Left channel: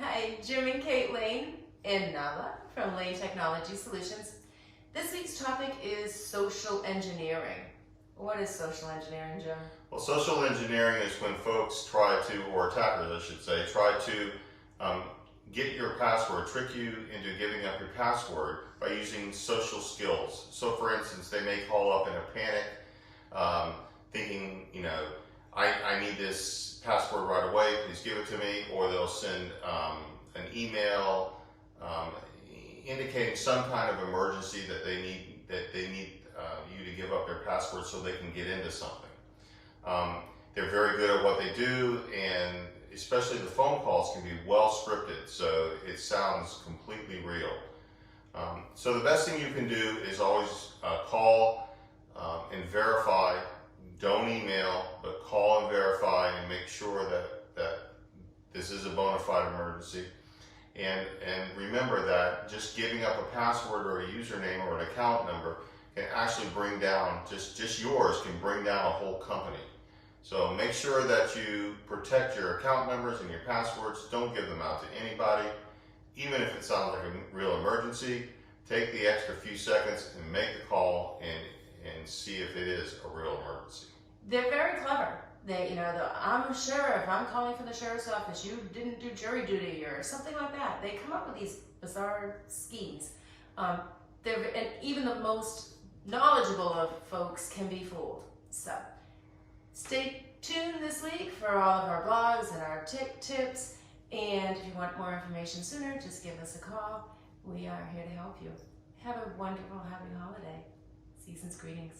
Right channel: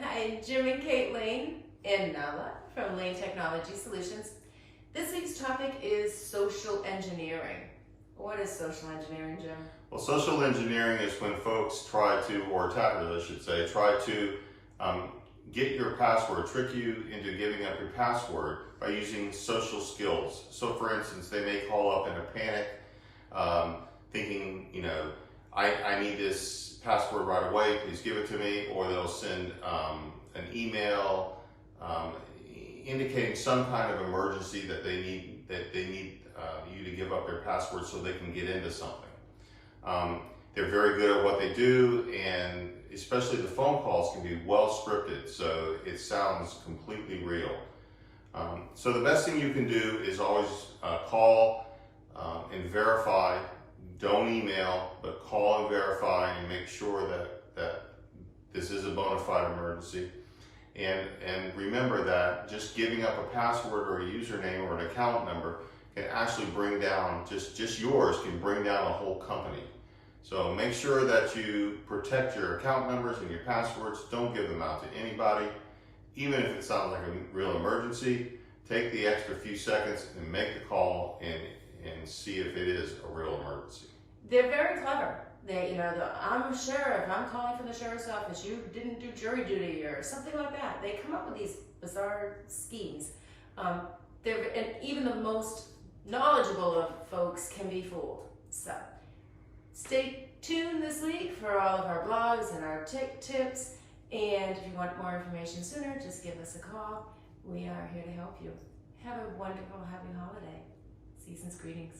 Hi, Jim and Kate Lane and Nala from Lane Technology Solutions. This week's topic is social engineering. What is social engineering, Jim? Well, social engineering is when folks try to, or attackers I should say, try to get your password, trick you into giving up your password by using social skills. So for instance, they may call up in a panic thinking, I need this password right away, please give it to me, or they'll send an email indicating some kind of emergency that they need you to give up their password so they can get into something. They're very good at what they do, and especially the phone calls can be well scripted, so it sounds completely real. So the best thing you can do is always call and verify. Don't email, but call and verify and make sure that this is a bona fide emergency. And remember that just giving up a password or a username or an account number can actually bring down, just yours can bring down a whole company. So make sure that you protect your account numbers and your passwords. Don't give them out to anybody. Even if it sounds like a real emergency, take the extra few seconds and make the call and see if it is a real emergency. They're very clever. I'm a sheriff, I'm calling from the sheriff's office, you didn't do jury duty or something like that. They come up with these bizarre schemes. And even the most knowledgeable of folks can be fooled. So stay tuned this week for all of our blogs and our tips. And if you want more information sooner, just give us a call. We are here to help you. Have a wonderful, happy holiday. Season's greetings.